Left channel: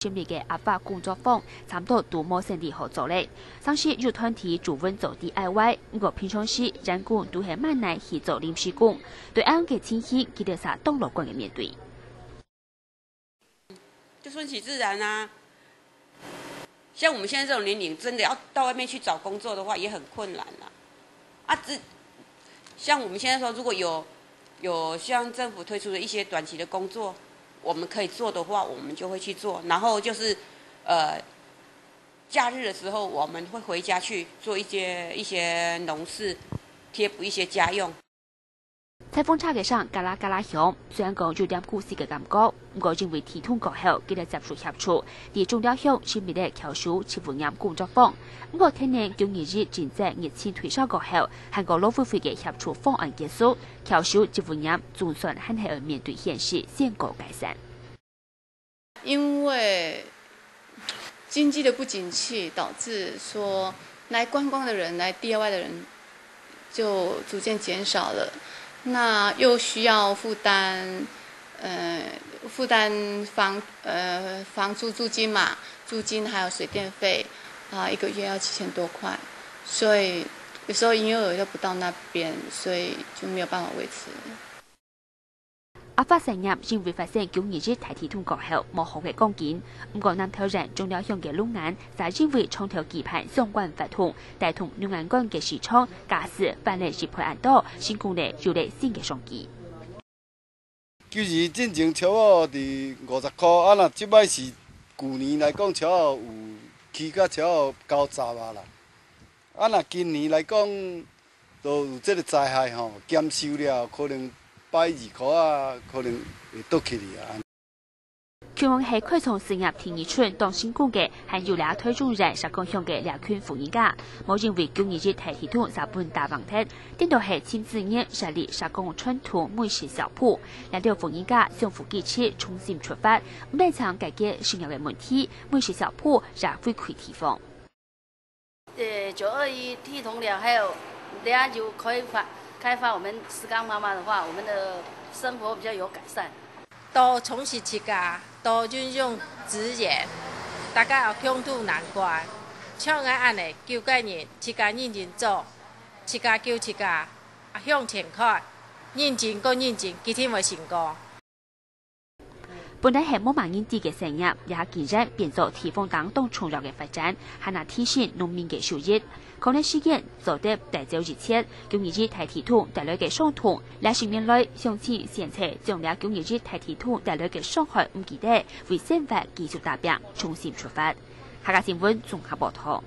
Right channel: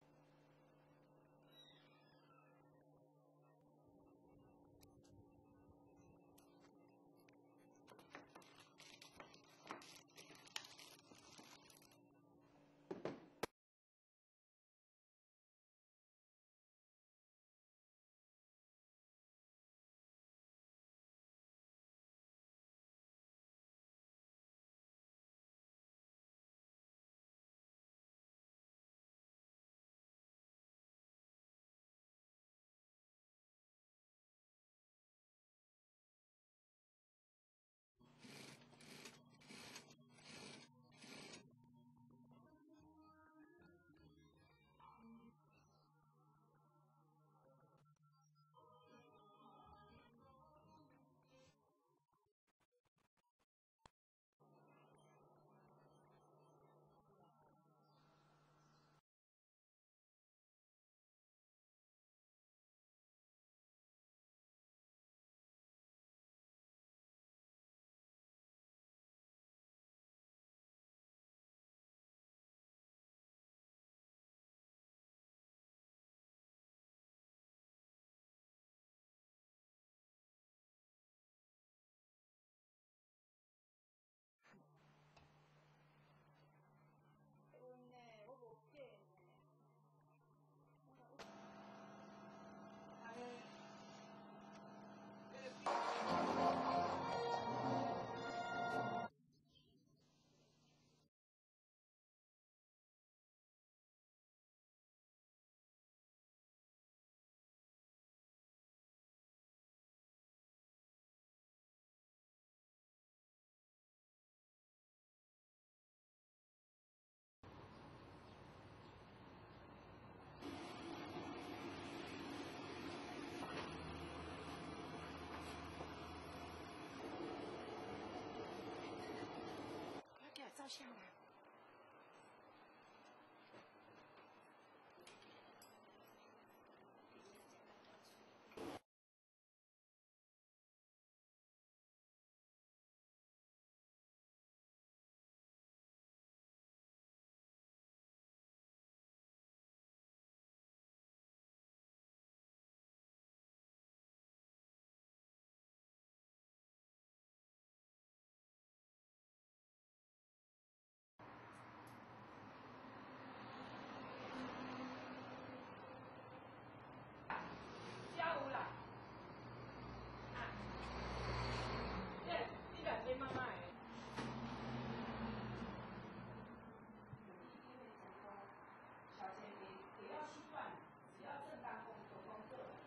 今年嘅阿法工作坊差唔多都冇成啲合作咧，上次有團體做穩做 DIY， 不過平常時人工都係蠻難去做臨時工，對啱嘅情形，佢哋啥都樂觀嘅面對。就順其自然啊！像我們現在這種年齡，真的要到外面去找工作的話，也很困難啦。像我們現在說，如果有像政府推出的一些短期的工作，我們可以做的話，我們就會去做。然後就是假日的時候，我們會回家去做一些農事，貼補一些家用。颱風差嘅上嘎啦嘎啦響，雖然講有點故事嘅感覺，不過因為天通過後，佢哋接觸協助，而重要響是未嚟僑屬設營業工作坊。不過聽年9月日正在疫情退燒過後，韓國勞委會嘅協助方案結束，僑屬設營業總算很係要面對現實，先告改善。因為經濟的不景氣，導致說來觀光的人、來 DIY 的人就逐漸減少了。那又需要負擔房租金嘛，租金還有水電費啊，1個月要7000多塊，所以有時候營業額又不到那邊，所以就沒有辦法維持。阿法成業因為發生9月日大天通過後冇好嘅光景，不過南投人中了向嘅農眼，就因為長條期盼相關法統，帶動農眼幹嘅市場，假使反嚟是配案多，成功咧有嚟新嘅商機。其實進前超蚵佇50塊，啊，若即擺是舊年來講超蚵有起到超蚵90啊啦，啊，若今年來講都有這個災害吼，減收了可能120塊啊，可能會倒起嚟啊。全網係開創事業第2春當成功嘅，係有倆推動人實講向嘅兩群婦人家，冇認為9月日大天通日本大問題，顛倒係親自業實力實講傳統美食小鋪，兩條婦人家相互支持重新出發，唔但想解決生活嘅問題，美食小鋪也會開地方。921天通了後，等下就可以開發我們石岡媽媽的話，我們的生活比較有改善。多從事自家，多運用資源，大家有共度難關。像我安尼9個人，自家認真做，自家救自家，向前看，認真個認真，幾天會成功。本來係冇萬人知嘅成業，也竟然變做地方當中重要嘅發展，係能提升農民嘅收入。可能事件做得大早之前，9月日大天通帶來嘅傷痛，兩成年來相親現測將了9月日大天通帶來嘅傷害唔記得，為生活繼續打拼，重新出發。下個新聞綜合報道。